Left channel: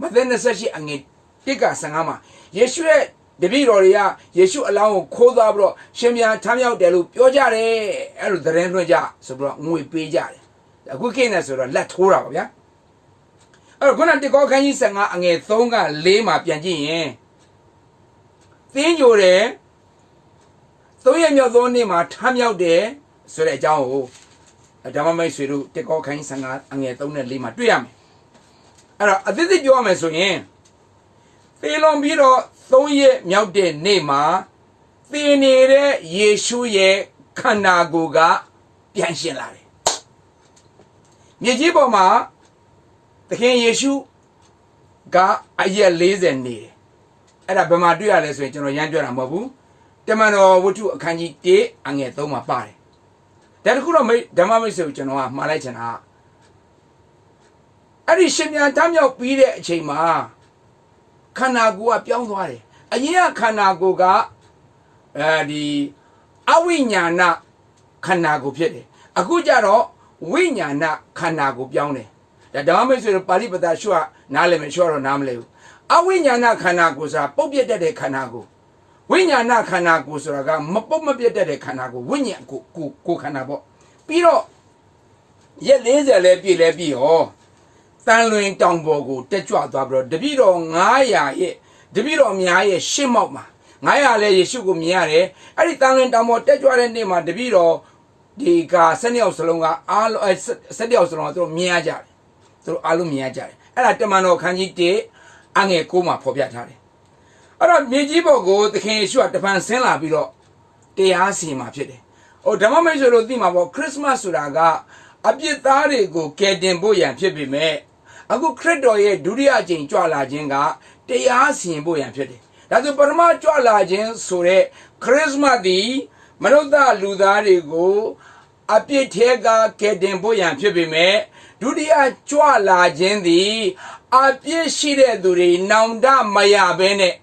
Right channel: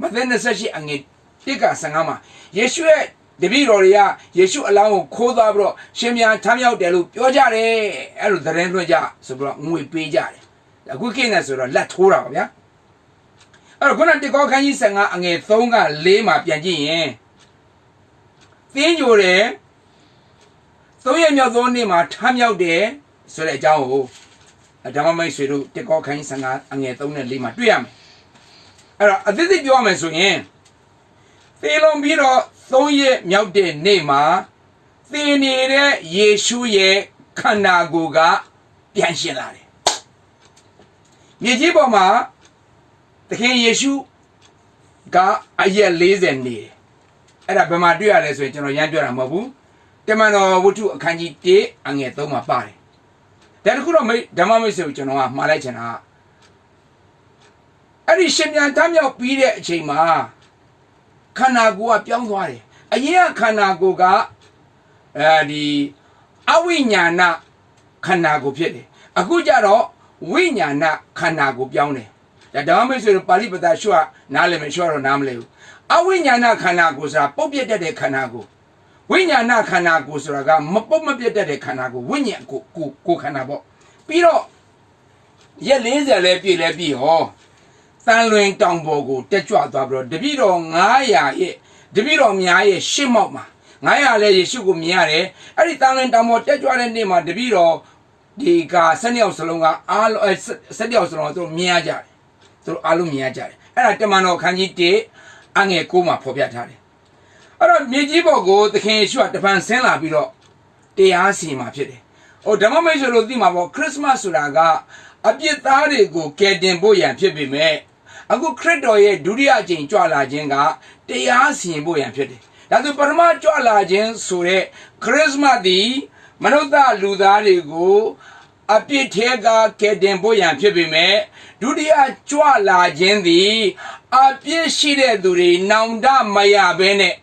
Matthew 28အငယ်1က15မှာယေရှုရဲ့တပည့်တော်တွေကယေရှုအလောင်းကိုခိုးသွားပြီးတော့ရှင်ပြန်ထမ်းမြောက်တယ်လို့ပြောကြတယ်အဲ့လိုသတင်းလွှင့်ကြဆိုပြီးတော့ငွေပေးကြတယ်အခုကိနေဆိုတော့လက်ထိုးတာပါဗျာအဲ့တော့ခုနတေကောခန်းကြီး15အငယ်3က4မှာပြန်ကြည့်ရင်သင်ညိုတယ်3ရက်မြောက်သောနေ့မှာထမ်းမြောက်တယ်ဆိုတဲ့အကြောင်းကိုဓမ္မမိတ်ဆွေတို့တေကောခန်းကြီး15အငယ်3နဲ့4မှာတွေ့ရမယ်အဲ့တော့အသေးစိတ်ပြောရမယ်ဆိုရင်သေလွန်ပြီးတော့3ရက်မြောက်တဲ့နေ့မှာသင်နေတဲ့ယေရှုရဲ့ခန္ဓာကိုယ်ကပြန်ရှင်လာတယ်မြေကြီးပေါ်မှာသခင်ယေရှုကအရက်40နေတယ်အဲ့ဒါဘယ်မှာတွေ့ရလဲဆိုရင်ကျွန်တော်ရမ်းပြောတာမဟုတ်ဘူးတမန်တော်ဝတ္ထုအခန်းကြီး1အငယ်3မှာပါတယ်ဒါတခုတော့ဓမ္မမိတ်ဆွေကိုကျွန်တော်ကမှားလိုက်ချင်တာအဲ့ဒီရှင်ပြန်ထမြောက်ပြီးတဲ့အချိန်မှာခန္ဓာကိုယ်ကပြောင်းသွားတယ်အရင်ကခန္ဓာကိုယ်ကဒီအဝိညာဏခန္ဓာကိုယ်ဖြစ်တယ်အခုကျတော့ဝိညာဏခန္ဓာကိုယ်ပြောင်းတယ်ဒါဓမ္မမိတ်ဆွေတို့ပါဠိပဒရှုနားလည်မယ်ရှုတော့နားမလဲဘူးအဝိညာဏခန္ဓာကိုယ်ဆိုတာပုတ်ပြတ်တတ်တဲ့ခန္ဓာကိုယ်ဝိညာဏခန္ဓာကိုယ်ဆိုတာကမပုတ်မပြတ်တတ်တဲ့ခန္ဓာကိုယ်ဝိညာဉ်ကိုခန္ဓာပေါ့ပြီးတော့ရက်40လဲပြည့်လဲပြည့်ဟောတန်လွင်တောင်ပေါ်ကိုတက်ကြွသွားပြီးတော့တပည့်တော်900ရဲ့တပည့်တော်များရဲ့ရှစ်မောက်မှာ900လဲယေရှုကိုမြင်ရတယ်အဲ့ဒီတန်လွင်တောင်ပေါ်တက်ကြွတဲ့နေ့မှာတပည့်တော်ဒီက12ယောက်စလုံးကအားလုံး17ယောက်စလုံးကသူတို့မြင်ရကြတယ်သူတို့အားလုံးမြင်ရကြတယ်အဲ့ဒါတမန်တော်ခန်းကြီး1အငယ်9မှာဖော်ပြထားတယ်အဲ့တော့မြေကြီးပေါ်ကိုသခင်ယေရှုကတပန်ဆင်းလာပြီးတော့တရားစီရင်မှာဖြစ်တယ်ဟိုဓမ္မမိတ်ဆွေတို့သိမှာပေါ့ခရစ်စမတ်ဆိုတာကအပြစ်သားတွေကိုကယ်တင်ဖို့ရန်ဖြစ်ပေမဲ့အခုခရစ်တော်ရဲ့ဒုတိယအကြိမ်ကြွလာခြင်းကတရားစီရင်ဖို့ရန်ဖြစ်တယ်ဒါဆိုပထမကြွလာခြင်းဆိုတဲ့ခရစ်စမတ်ဒီမနုဿလူသားတွေကိုအပြစ်ထဲကကယ်တင်ဖို့ရန်ဖြစ်ပေမဲ့ဒုတိယကြွလာခြင်းသည်အပြစ်ရှိတဲ့သူတွေနောင်တမရဘဲနဲ့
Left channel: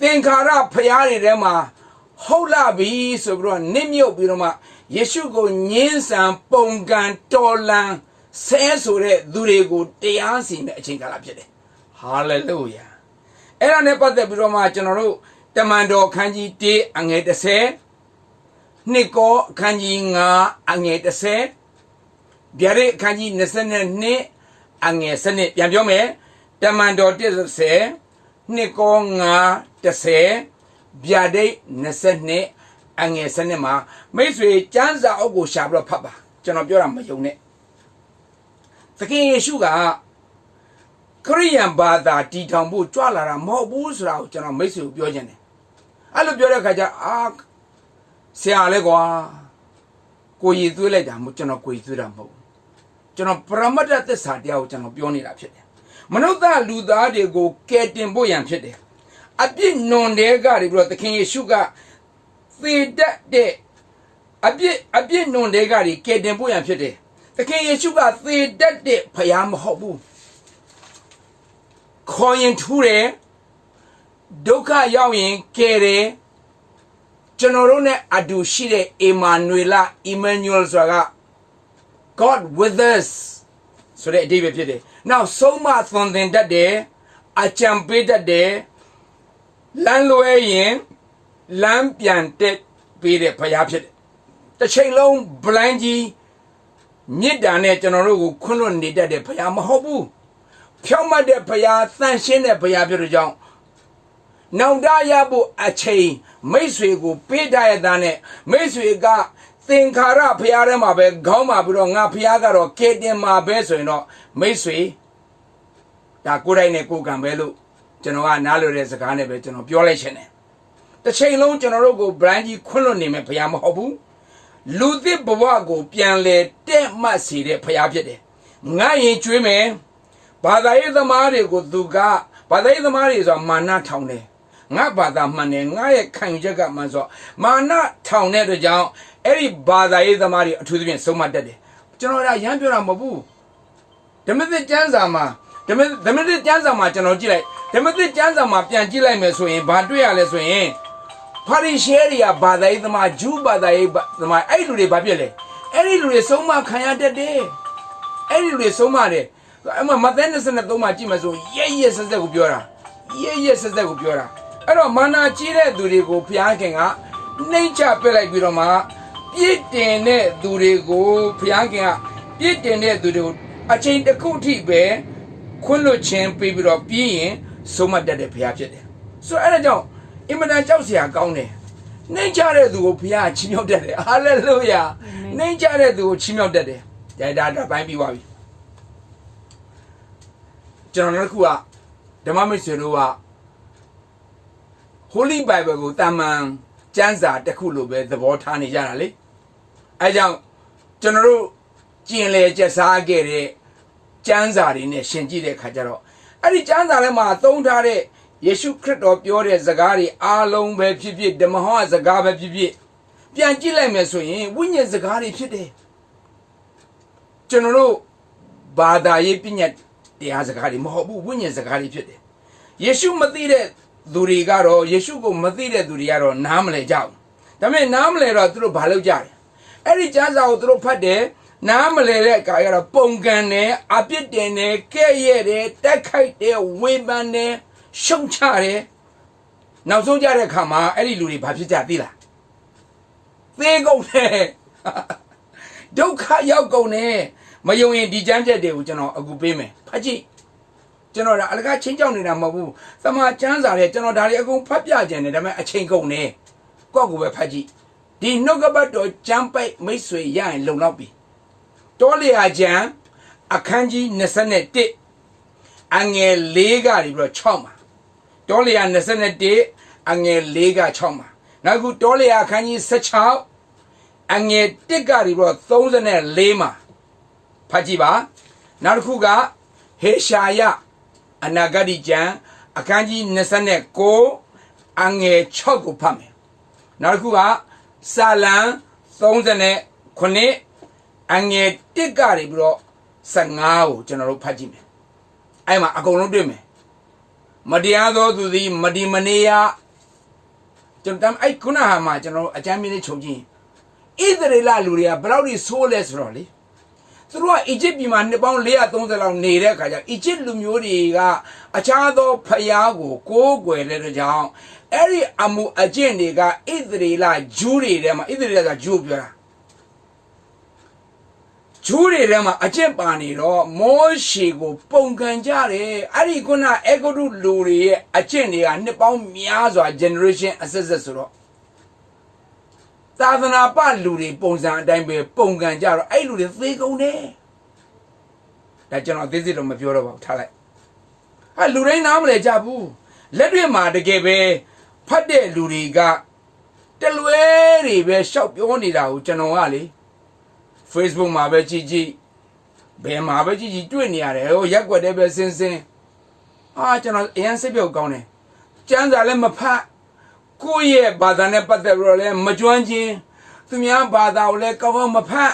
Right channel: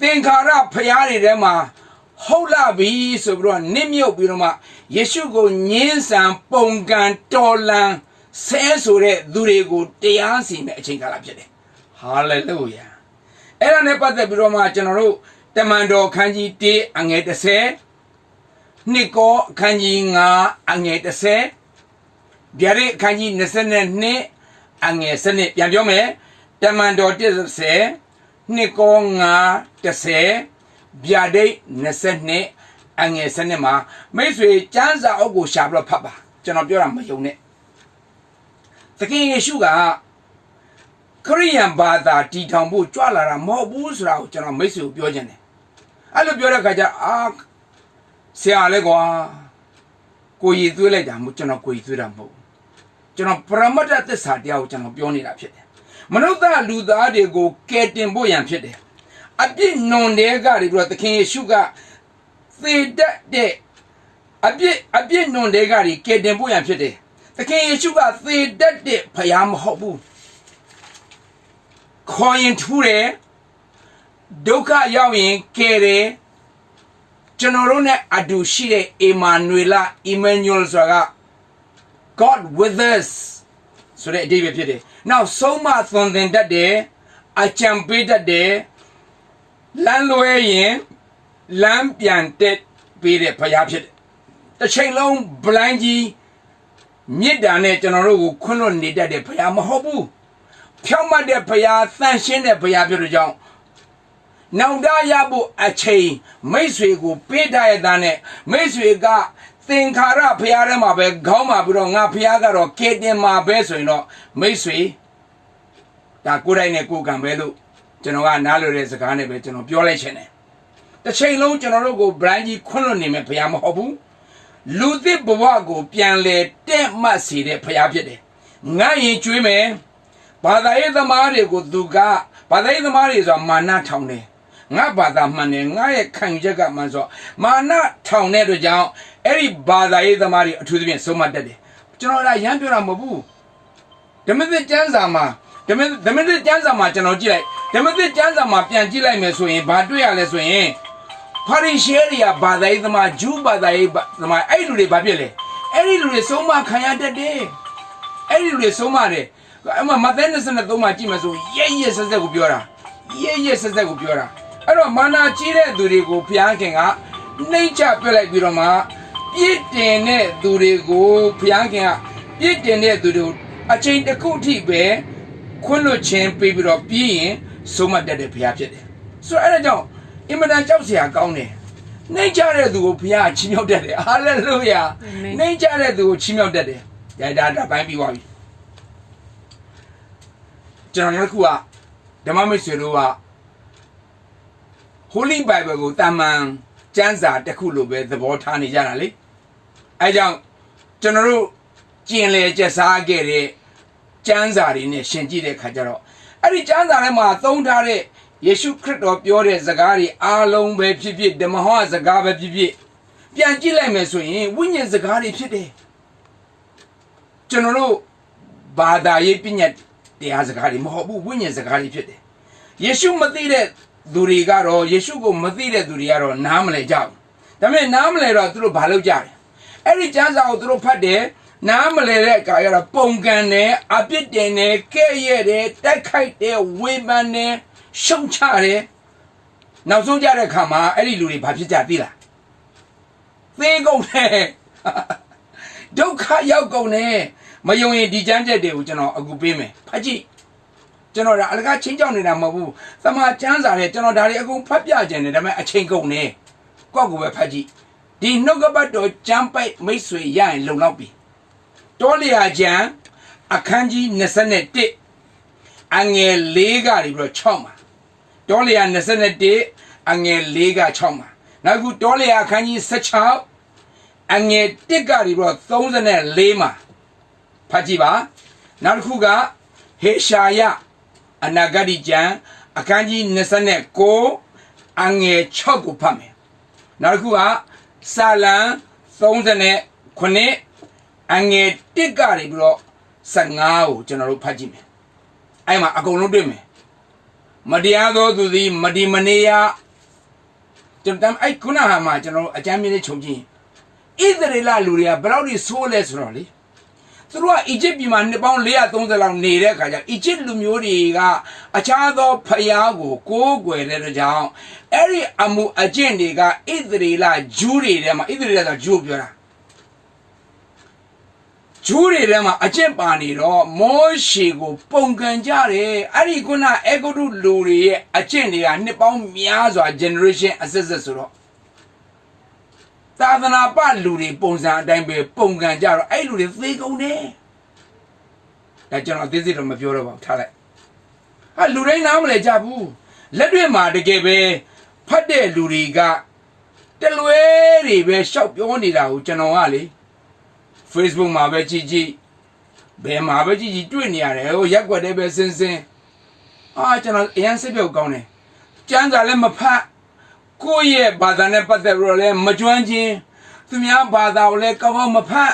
သင်္ခါရဖျားတွေထဲမှာဟုတ်လာပြီဆိုပြီးတော့နစ်မြုပ်ပြီးတော့မှယေရှုကိုညှင်းဆန်ပုံကန်တော်လန်ဆဲဆိုတဲ့သူတွေကိုတရားစီရင်တဲ့အချိန်ကာလဖြစ်တယ်ဟာလေလုယာအဲ့ဒါနဲ့ပတ်သက်ပြီးတော့မှကျွန်တော်တို့တမန်တော်ခန်းကြီး1အငယ်30နှစ်ကောအခန်းကြီး9အငယ်30ဗျာဒိတ်အခန်းကြီး22အငယ်7ပြန်ပြောမယ်တမန်တော်130နှစ်ကော930ဗျာဒိတ်22အငယ်7မှာမိတ်ဆွေကျမ်းစာအုပ်ကိုရှာပြီးတော့ဖတ်ပါကျွန်တော်ပြောတာမယုံနဲ့သခင်ယေရှုကခရိယန်ဘာသာတည်ထောင်ဖို့ကြွလာတာမဟုတ်ဘူးဆိုတာကိုကျွန်တော်မိတ်ဆွေကိုပြောချင်တယ်အဲ့လိုပြောတဲ့ခါကျဆရာလဲကွာကိုရည်သွေးလိုက်တာမဟုတ်ကျွန်တော်ကိုရည်သွေးတာမဟုတ်ကျွန်တော်ပရမတ္ထသစ္စာတရားကိုကျွန်တော်ပြောနေတာဖြစ်တယ်မနုဿလူသားတွေကိုကယ်တင်ဖို့ရန်ဖြစ်တယ်အပြစ်နွန်တဲ့ကတွေပြီးတော့သခင်ယေရှုကသေတတ်တဲ့အပြစ်နွန်တဲ့ကတွေကယ်တင်ဖို့ရန်ဖြစ်တယ်သခင်ယေရှုကသေတတ်တဲ့ဖယားမဟုတ်ဘူးခေါ်ရင်ထူးတယ်ဒုက္ခရောက်ရင်ကယ်တယ်ကျွန်တော်တို့နဲ့အတူရှိတဲ့အီမာနွေလအီမန်နျူယ်ဆိုတာက God with us ဆိုတဲ့အဓိပ္ပာယ်ဖြစ်တယ်နောက်ဆုံးမသွန်သင်တတ်တယ်အကြံပေးတတ်တယ်လမ်းလွဲရင်လမ်းပြန်တက်ပေးတဲ့ဖယားဖြစ်တယ်တစ်ချိန်လုံးဗလိုင်းကြီးမြစ်တာနဲ့ကျွန်တော်တို့ကိုခွန်းလွတ်နေတတ်တဲ့ဖယားမဟုတ်ဘူးဖြောင့်မတ်တဲ့ဖယားသန့်ရှင်းတဲ့ဖယားဖြစ်တဲ့ကြောင့်နောင်တရဖို့အချိန်မိတ်ဆွေကိုပေးထားရတဲ့နဲ့မိတ်ဆွေကသင်္ခါရဖယားထဲမှာပဲခေါင်းမှာပြီးတော့ငါဖယားကတော့ကဲတင်မှာပဲဆိုရင်တော့မိတ်ဆွေဒါကိုယ်တိုင်နဲ့ကိုယ်ကံပဲလို့ကျွန်တော်ကနားလည်တဲ့စကားနဲ့ပဲကျွန်တော်ပြောလိုက်ချင်တယ်တစ်ချိန်လုံးကျွန်တော်တို့ကို brand ကြီးခွန်းလွတ်နေမယ်ဖယားမဟုတ်ဘူးလူသစ်ဘဝကိုပြန်လဲတဲ့မှတ်စေတဲ့ဖယားဖြစ်တယ်ငါရင်ကျွေးမယ်ဘာသာရေးသမားတွေကိုသူကဘာသာရေးသမားတွေဆိုတာမာနထောင်တယ်ငါဘာသာမှန်တယ်ငါရဲ့ခံယူချက်ကမှန်ဆိုမာနထောင်တဲ့အတွက်ကြောင့်အဲ့ဒီဘာသာရေးသမားတွေအထူးသဖြင့်ဆုံးမတတ်တယ်ကျွန်တော်ကရမ်းပြောတာမဟုတ်ဘူးဓမ္မသစ်ကျမ်းစာမှာဓမ္မသစ်ကျမ်းစာမှာကျွန်တော်ကြည့်လိုက်ဓမ္မသစ်ကျမ်းစာမှာပြန်ကြည့်လိုက်မယ်ဆိုရင်ဘာတွေ့ရလဲဆိုရင်ဖာရိရှဲတွေကဘာသာရေးသမားဂျူးဘာသာရေးသမားအဲ့လူတွေဘာဖြစ်လဲအဲ့ဒီလူတွေဆုံးမခံရတတ်တယ်အဲ့ဒီလူတွေဆုံးမတယ် အဲ့မှာမဿဲ23မှာကြည့်မယ်ဆိုရဲဆက်ဆက်ကိုပြောတာရဲဆက်ဆက်ကိုပြောတာအဲ့တော့မာနာကြီးတဲ့သူတွေကိုဘုရားခင်ကနှိမ့်ချပြလိုက်ပြီးတော့မှပြည့်တင်တဲ့သူတွေကိုဘုရားခင်ကပြည့်တင်တဲ့သူတွေကိုအချိန်တစ်ခုထိပဲခွင့်လွှတ်ခြင်းပေးပြီးတော့ပြီးရင်ဆုံးမတတ်တဲ့ဘုရားဖြစ်တယ်ဆိုတော့အဲ့ဒါကြောင့်အင်မတန်ကြောက်စရာကောင်းတယ်နှိမ့်ချတဲ့သူကိုဘုရားချီးမြှောက်တတ်တယ်ဟာလေလုယာနှိမ့်ချတဲ့သူကိုချီးမြှောက်တတ်တယ်ဒါပိုင်းပြီးသွားပြီကျွန်တော်တို့ကဓမ္မမိတ်ဆွေတို့က Holy Bible ကိုတာမန်ကျမ်းစာတစ်ခုလိုပဲသဘောထားနေကြတာလေအဲကြောင့်ကျွန်တော်တို့ကျင်လေကျက်စားခဲ့တဲ့ကျမ်းစာတွေနဲ့ရှင်ကြည့်တဲ့အခါကျတော့အဲ့ဒီကျမ်းစာထဲမှာသုံးထားတဲ့ယေရှုခရစ်တော်ပြောတဲ့စကားတွေအားလုံးပဲဖြစ်ဖြစ်ဓမ္မဟောစကားပဲဖြစ်ဖြစ်ပြန်ကြည့်လိုက်မယ်ဆိုရင်ဝိညာဉ်စကားတွေဖြစ်တယ်ကျွန်တော်တို့ဘာသာရေးပညာတရားစကားတွေမဟုတ်ဘူးဝိညာဉ်စကားတွေဖြစ်တယ်ယေရှုမသိတဲ့သူတွေကတော့ယေရှုကိုမသိတဲ့သူတွေကတော့နားမလည်ကြဘူးဒါပေမဲ့နားမလည်တော့သူတို့ဘာလုပ်ကြလဲအဲ့ဒီကျမ်းစာကိုသူတို့ဖတ်တယ်နားမလည်တဲ့အခါကျတော့ပုံကန်တယ်အပြစ်တင်တယ်ကဲ့ရဲ့တယ်တိုက်ခိုက်တယ်ဝေဖန်တယ်ရှုံချတယ်နောက်ဆုံးကြတဲ့အခါမှာအဲ့ဒီလူတွေဘာဖြစ်ကြသိလားသေကုန်တယ်ဒုက္ခရောက်ကုန်တယ်မယုံရင်ဒီကျမ်းချက်တွေကိုကျွန်တော်အခုပေးမယ်ဖတ်ကြည့်ကျွန်တော်ဒါအလကားချင်းကြောက်နေတာမဟုတ်ဘူးသမာကျမ်းစာတွေကျွန်တော်ဒါတွေအကုန်ဖတ်ပြကြတယ်ဒါပေမဲ့အချိန်ကုန်နေကိုယ့်ကိုယ်ပဲဖတ်ကြည့်ဒီနှုတ်ကပတ်တော်ကျမ်းပိုက်မိတ်ဆွေရရင်လုံလောက်ပြီတောလျာကျမ်းအခန်းကြီး21အငယ်4ကနေပြီးတော့6မှာတောလျာ21အငယ်4က6မှာနောက်ခုတောလျာအခန်းကြီး16အငယ်1ကနေပြီးတော့34မှာဖတ်ကြည့်ပါနောက်တစ်ခုကဟေရှာယအနာဂတိကျမ်းအခန်းကြီး29အငယ်6ကိုဖတ်မယ်နောက်တစ်ခုကစာလံ39အငယ်1ကနေပြီးတော့15ကိုကျွန်တော်တို့ဖတ်ကြည့်မယ်အဲ့မှာအကုန်လုံးတွေ့မယ်မတရားသောသူသည်မဒီမနေရကျွန်တော်အဲ့ခုနဟာမှာကျွန်တော်တို့အကြမ်းမြင့်လေးခြုံကြည့်ဣသရေလလူတွေကဘယ်လောက်ကြီးဆိုးလဲဆိုတော့လေသူတို့ကအီဂျစ်ပြည်မှာနှစ်ပေါင်း430လောက်နေတဲ့အခါကျအီဂျစ်လူမျိုးတွေကအခြားသောဖျားကိုကိုးကွယ်တဲ့ကြောင့်အဲ့ဒီအမှုအကျင့်တွေကဣသရေလဂျူးတွေထဲမှာဣသရေလဆိုဂျူးပြောတာဂျူးတွေထဲမှာအကျင့်ပါနေတော့မောရှေကိုပုံကန်ကြတယ်အဲ့ဒီခုနအေဂုတုလူတွေရဲ့အကျင့်တွေကနှစ်ပေါင်းများစွာ generation အဆက်ဆက်ဆိုတော့သာသနာပလူတွေပုံစံအတိုင်းပဲပုံကန်ကြတော့အဲ့လူတွေသေကုန်တယ်ဒါကျွန်တော်အသေးစိတ်တော့မပြောတော့ပါဘူးထားလိုက်ဟာလူတိုင်းနားမလဲကြဘူးလက်တွေ့မှာတကယ်ပဲဖတ်တဲ့လူတွေကတလွဲတွေပဲရှောက်ပြောနေတာကိုကျွန်တော်ကလေ Facebook မှာပဲကြည့်ကြည့်ဘယ်မှာပဲကြည့်ကြည့်တွေ့နေရတယ်ဟိုရက်ွက်တဲ့ပဲစင်းစင်းကျွန်တော်အရင်စိတ်ပြုတ်ကောင်းတယ်ကျမ်းစာလည်းမဖတ်ကိုယ့်ရဲ့ဘာသာနဲ့ပတ်သက်ပြီးတော့လည်းမကျွမ်းချင်းသူများဘာသာကိုလည်းကောင်းကောင်းမဖတ်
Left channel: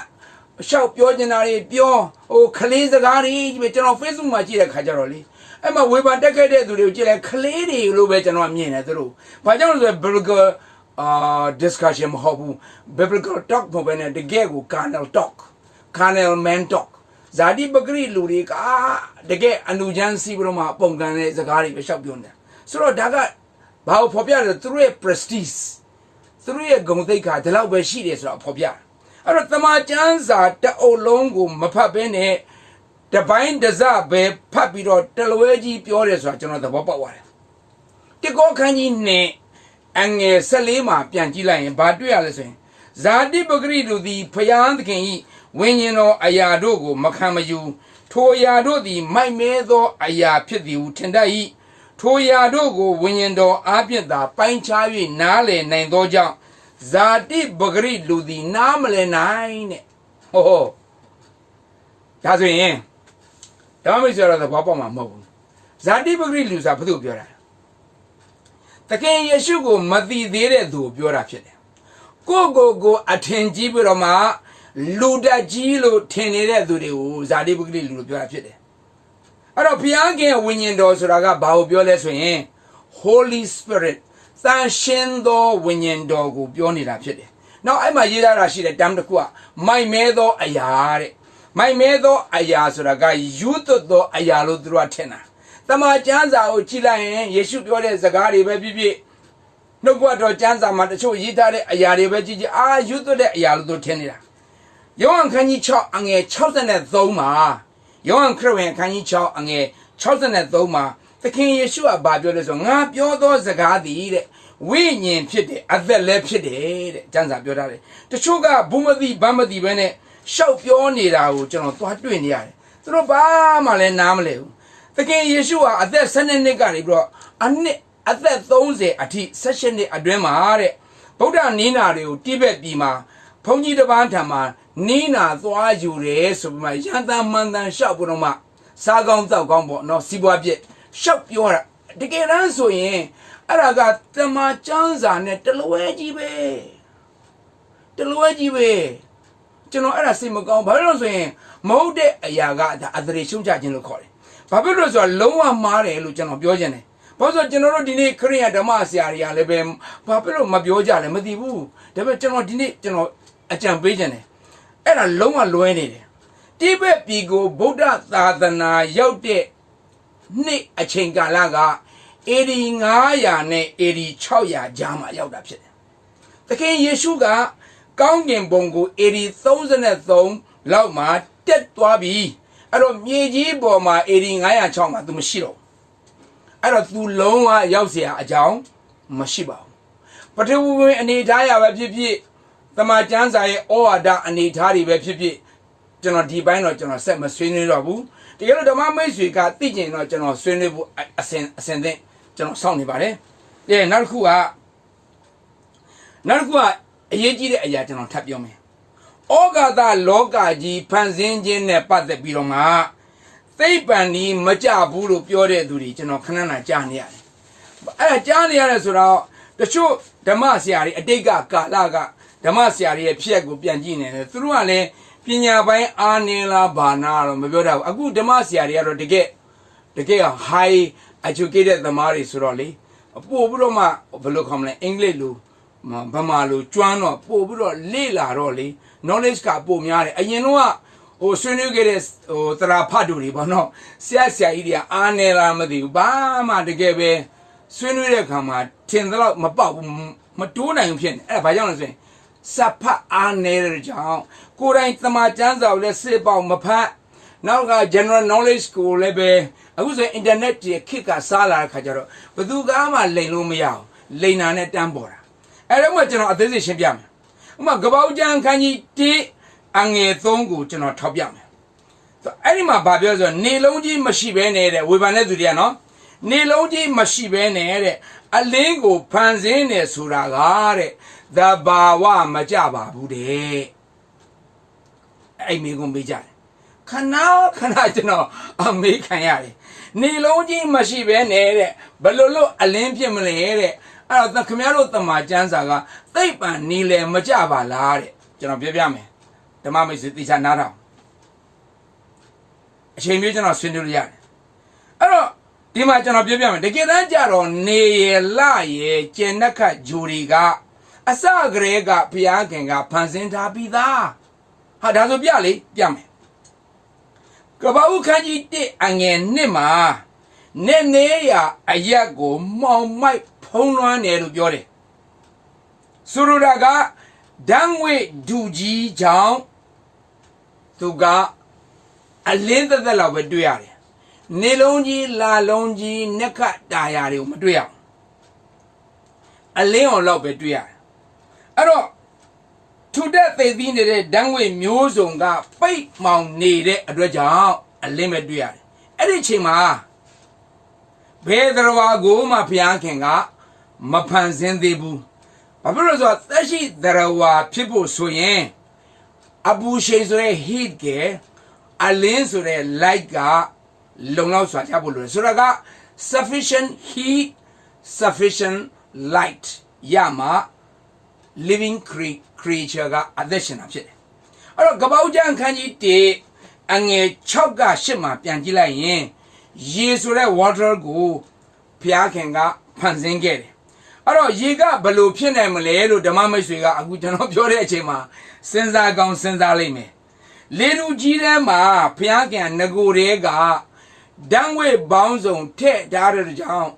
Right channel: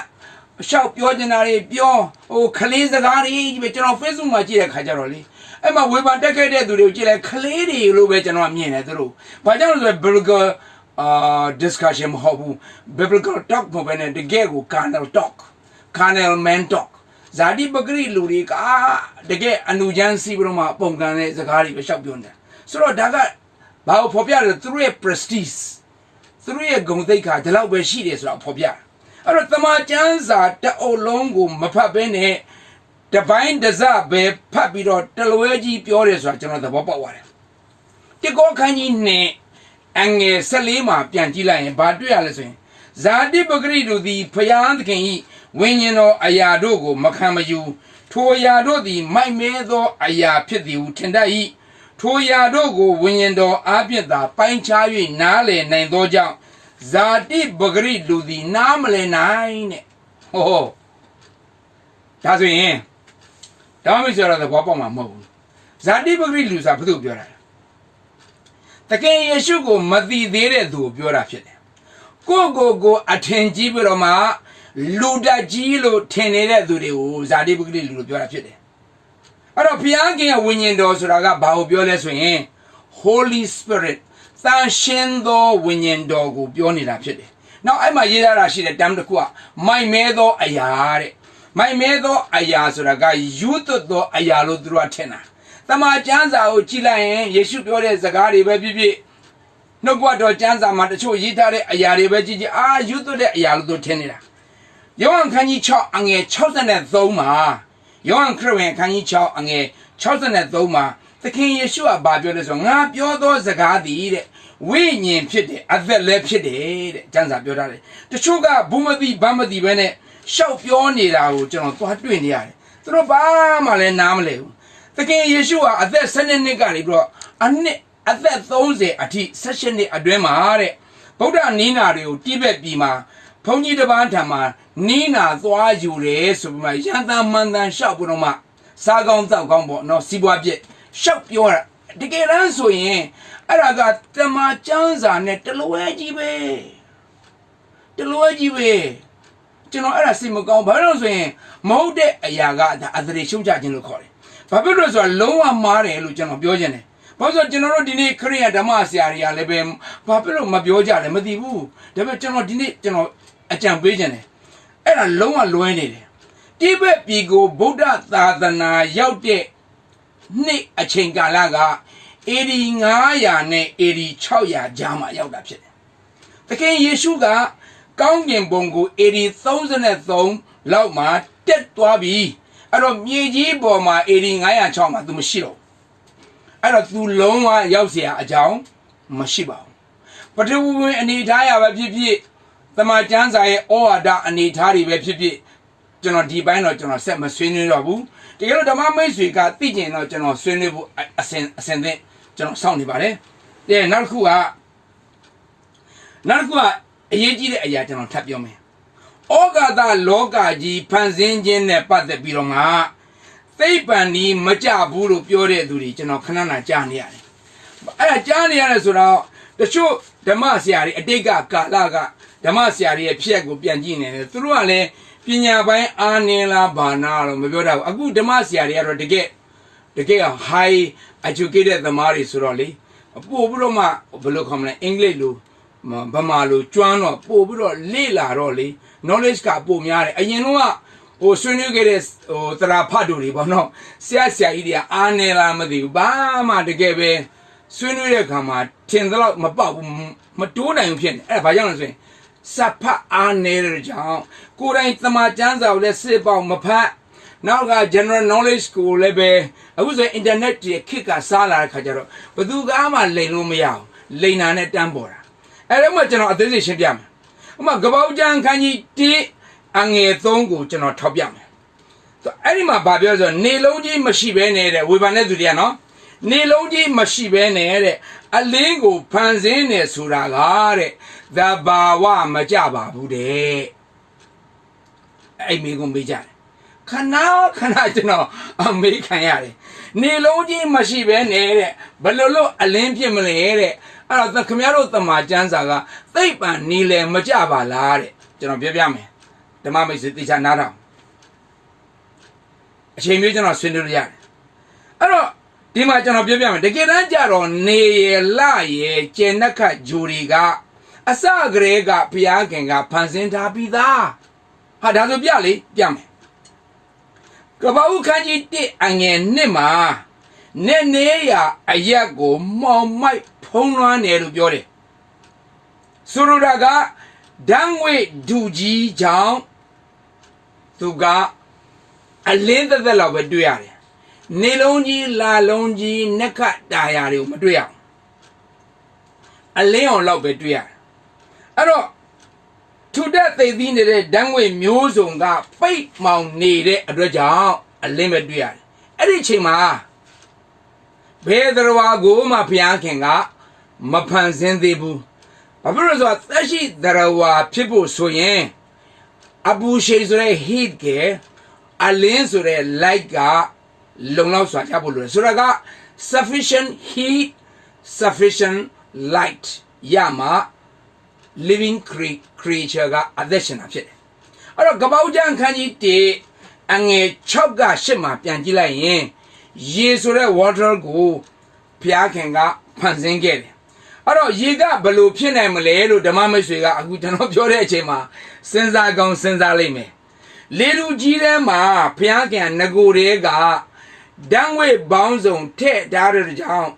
ရှောက်ပြောချင်တာတွေပြောဟိုခလေးစကားတွေကျွန်တော် Facebook မှာကြည့်တဲ့ခါကျတော့လေအဲ့မှာဝေဖန်တက်ခဲ့တဲ့သူတွေကိုကြည့်လိုက်ခလေးတွေလို့ပဲကျွန်တော်မြင်တယ်သူတို့ဘာကြောင့်လဲဆိုတော့ biblical discussion မဟုတ်ဘူး biblical talk မဟုတ်ဘဲနဲ့တကယ်ကို carnal talk carnal man talk ဇာတိပဂရိလူတွေကတကယ်အနုချမ်းစီးပြီးတော့မှပုံကန်တဲ့စကားတွေပဲရှောက်ပြောနေတာဆိုတော့ဒါကဘာကိုဖော်ပြလဲသူတို့ရဲ့ prestige သူတို့ရဲ့ဂုဏ်သိက္ခာဒီလောက်ပဲရှိတယ်ဆိုတော့ဖော်ပြအဲ့တော့တမန်ကျမ်းစာတအုပ်လုံးကိုမဖတ်ဘဲနဲ့တပိုင်းတစပဲဖတ်ပြီးတော့တလွဲကြီးပြောတယ်ဆိုတာကျွန်တော်သဘောပေါက်ပါတယ်တိကောခန်းကြီးနဲ့အငယ်14မှာပြန်ကြည့်လိုက်ရင်ဘာတွေ့ရလဲဆိုရင်ဇာတိပဂရိလူသည်ဖျားသခင်ဤဝိညာဉ်တော်အရာတို့ကိုမခံမယူထိုအရာတို့သည်မိုက်မဲသောအရာဖြစ်သည်ဟုထင်တတ်၏ထိုအရာတို့ကိုဝိညာဉ်တော်အားဖြင့်သာပိုင်းခြား၍နားလည်နိုင်သောကြောင့်ဇာတိပဂရိလူသည်နားမလည်နိုင်တဲ့ဟောဒါဆိုရင်ဒါမှမဟုတ်တော့ဘာပေါ့မှာမဟုတ်ဘူးဇာတိပဂရိလူဆိုတာဘာလို့ပြောတာလဲတကယ်ယေရှုကိုမသိသေးတဲ့သူကိုပြောတာဖြစ်တယ်ကိုအထင်ကြီးပြီးတော့မှလူတကြီးလို့ထင်နေတဲ့သူတွေကိုဇာတိပဂရိလူလို့ပြောတာဖြစ်တယ်အဲ့တော့ဘုရားခင်ရဲ့ဝိညာဉ်တော်ဆိုတာကဘာကိုပြောလဲဆိုရင် Holy Spirit သန့်ရှင်းသောဝိညာဉ်တော်ကိုပြောနေတာဖြစ်တယ်နောက်အဲ့မှာရေးထားတာရှိတဲ့တမ်းတစ်ခုကမိုက်မဲသောအရာတဲ့ မိုင်မဲသောအရာဆိုတာကယူသွတ်သောအရာလို့သူတို့ကထင်တာတမန်ကျမ်းစာကိုကြည့်လိုက်ရင်ယေရှုပြောတဲ့စကားတွေပဲဖြစ်ဖြစ်နှုတ်ကပတ်တော်ကျမ်းစာမှာတချို့ရေးထားတဲ့အရာတွေပဲကြည့်ကြည့်ယူသွတ်တဲ့အရာလို့သူထင်နေတာယောဟန်ခန်းကြီး6အငယ်63မှာယောဟန်ခရစ်ဝင်ခန်းကြီး6အငယ်63မှာသခင်ယေရှုကဘာပြောလဲဆိုငါပြောသောစကားသည်တဲ့ဝိညာဉ်ဖြစ်တယ်အသက်လည်းဖြစ်တယ်တဲ့ကျမ်းစာပြောထားတယ်တချို့ကဘုမသိဗမသိပဲနဲ့ရှောက်ပြောနေတာကိုကျွန်တော်သွားတွေ့နေရတယ်သူတို့ဘာမှလည်းနားမလဲဘူးသခင်ယေရှုဟာအသက်12နှစ်ကနေပြီးတော့အသက်30အထိ16နှစ်အတွင်းမှာတဲ့ဗုဒ္ဓနီးနာတွေကိုတိဘက်ပြည်မှာဘုန်းကြီးတစ်ပါးထံမှာနီးနာသွားယူတယ်ဆိုပြီးမှရန်တမ်းမှန်တမ်းရှောက်ပြီးတော့မှစားကောင်းတောက်ကောင်းပေါ့နော်စီးပွားပြည့်ရှောက်ပြောတာတကယ်တမ်းဆိုရင်အဲ့ဒါကတမန်ကျမ်းစာနဲ့တလွဲကြီးပဲကျွန်တော်အဲ့ဒါစိတ်မကောင်းဘာလို့လဲဆိုရင်မဟုတ်တဲ့အရာကအသရေရှုံချခြင်းလို့ခေါ်တယ်ဘာဖြစ်လို့ဆိုတော့လုံးဝမှားတယ်လို့ကျွန်တော်ပြောချင်တယ်ဘာလို့ဆိုကျွန်တော်တို့ဒီနေ့ခရိယာဓမ္မဆရာတွေကလည်းပဲဘာဖြစ်လို့မပြောကြလဲမသိဘူးဒါပေမဲ့ကျွန်တော်ဒီနေ့ကျွန်တော်အကြံပေးချင်တယ်အဲ့ဒါလုံးဝလွဲနေတယ်တိဘက်ပြည်ကိုဗုဒ္ဓသာသနာရောက်တဲ့နှစ်အချိန်ကာလကAD 900နဲ့AD 600ကြားမှာရောက်တာဖြစ်တယ်သခင်ယေရှုကကောင်းကင်ဘုံကိုAD 33လောက်မှာတက်သွားပြီအဲ့တော့မြေကြီးပေါ်မှာAD 906မှာသူမရှိတော့အဲ့တော့သူလုံးဝရောက်เสียအကြောင်းမရှိပါဘူးပထဝီဝင်အနေထားရပဲဖြစ်ဖြစ်တမန်ကျမ်းစာရဲ့ဩဝါဒအနေထားတွေပဲဖြစ်ဖြစ်ကျွန်တော်ဒီပိုင်းတော့ကျွန်တော်ဆက်မဆွေးနွေးတော့ဘူးတကယ်လို့ဓမ္မမိတ်ဆွေကသိကျင်တော့ကျွန်တော်ဆွေးနွေးဖို့အစဉ်သင့်ကျွန်တော်စောင့်နေပါတယ်နောက်တစ်ခုကအရေးကြီးတဲ့အရာကျွန်တော်ထပ်ပြောမယ်ဩဃာတလောကကြီးဖန်ဆင်းခြင်းနဲ့ပတ်သက်ပြီးတော့မှသိပ္ပံဒီမကြဘူးလို့ပြောတဲ့သူတွေကျွန်တော်ခဏခဏကြားနေရတယ်အဲ့ဒါကြားနေရတယ်ဆိုတော့တချို့ဓမ္မဆရာတွေအတိတ်ကကာလကဓမ္မဆရာတွေရဲ့ဖြစ်ကိုပြန်ကြည့်နေတယ်သူတို့ကလည်းပညာပိုင်းအားနည်းလားဘာနာလို့မပြောတတ်ဘူးအခုဓမ္မဆရာတွေကတော့တကယ် high educated သမားတွေဆိုတော့လေပို့ပြီးတော့မှဘယ်လိုခေါ်မလဲအင်္ဂလိပ်လိုဗမာလိုကျွမ်းတော့ပို့ပြီးတော့လေ့လာတော့လေ knowledge ကပိုများတယ်အရင်တော့ဆွေးနွေးခဲ့တဲ့တရာဖတ်တို့တွေပေါ့နော်ဆရာကြီးတွေကအားနေလားမသိဘူးဘာမှတကယ်ပဲဆွေးနွေးတဲ့အခါမှာထင်တော့မပေါက်ဘူးမတိုးနိုင်ဘူးဖြစ်နေအဲ့ဒါဘာကြောင့်လဲဆိုရင်စဖတ်အားနေတဲ့ကြောင့်ကိုယ်တိုင်တမန်ကျမ်းစာကိုလည်းစစ်ပေါက်မဖတ်နောက်က general knowledge ကိုလည်းပဲအခုဆိုရင် internet ကြီးခေတ်ကစားလာတဲ့ခါကျတော့ဘယ်သူကမှလိန်လို့မရအောင်လိန်နာနဲ့တန်းပေါ်တာအဲ့တော့မှကျွန်တော်အသေးစိတ်ရှင်းပြမယ်ဥပမာကပောက်ကျမ်းခန်းကြီး1အငယ်3ကိုကျွန်တော်ထောက်ပြမယ်အဲ့ဒီမှာဗာပြောဆိုနေလုံးကြီးမရှိဘဲနေတဲ့ဝေဖန်တဲ့သူတွေကနော်နေလုံးကြီးမရှိဘဲနဲ့တဲ့အလင်းကိုဖန်ဆင်းနေဆိုတာကတဲ့သဘာဝမကြပါဘူးတဲ့အဲ့မိကုံပေးကြတယ်ခဏကျွန်တော်အမေးခံရတယ်နေလုံးကြီးမရှိဘဲနဲ့တဲ့ဘယ်လိုအလင်းဖြစ်မလဲတဲ့အဲ့တော့ခင်ဗျားတို့တမန်ကျမ်းစာကသိပ္ပံနီလေမကြပါလားတဲ့ကျွန်တော်ပြောပြမယ်ဓမ္မမိတ်ဆွေတေချာနားထောင်အချိန်မျိုးကျွန်တော်ဆွေးနွေးလို့ရတယ်အဲ့တော့ဒီမှာကျွန်တော်ပြောပြမယ်တကယ်တမ်းကြတော့နေရလရကျင်နှက်ခတ်ဂျူရီကအစကတည်းကဘုရားခင်ကဖန်ဆင်းထားပြီးသားဟာဒါဆိုပြမယ်ကပ္ပဦးခန်းကြီး1အငယ်2မှာနေရအရက်ကိုမောင်မိုက်ဖုံးလွှမ်းတယ်လို့ပြောတယ်ဆိုလိုတာကဓာတ်ငွေဒူကြီးကြောင့်သူကအလင်းသက်လောက်ပဲတွေ့ရတယ်နေလုံးကြီးလာလုံးကြီးနက်ခတ်တာယာတွေကိုမတွေ့ရဘူးအလင်းအောင်လောက်ပဲတွေ့ရတယ်အဲ့တော့ထူတက်သိသိနေတဲ့ဓာတ်ငွေမျိုးစုံကပိတ်မှောင်နေတဲ့အတွက်ကြောင့်အလင်းပဲတွေ့ရတယ်အဲ့ဒီအချိန်မှာဘယ်တော်ကိုမှဘုရားခင်ကမဖန်ဆင်းသေးဘူးဘာဖြစ်လို့ဆိုတော့သက်ရှိတော်ဖြစ်ဖို့ဆိုရင်အပူရှိန်ဆိုတဲ့ heat ကအလင်းဆိုတဲ့ light ကလုံလောက်စွာချဖို့လိုတယ်ဆိုတော့က sufficient heat sufficient light ရမှာ living creature ကအသက်ရှင်တာဖြစ်တယ်အဲ့တော့ကပ္ပဦးကျမ်းခန်းကြီး1အငယ်6က8မှာပြန်ကြည့်လိုက်ရင်ရေဆိုတဲ့ water ကိုဘုရားခင်ကဖန်ဆင်းခဲ့တယ်အဲ့တော့ရေကဘယ်လိုဖြစ်နိုင်မလဲလို့ဓမ္မမိတ်ဆွေကအခုကျွန်တော်ပြောတဲ့အချိန်မှာစဉ်းစားကောင်းစဉ်းစားလိမ့်မယ် လေလူကြီးထဲမှာဘုရားကငကိုတွေကဓာတ်ငွေပေါင်းစုံထည့်ထားတဲ့ကြောင့်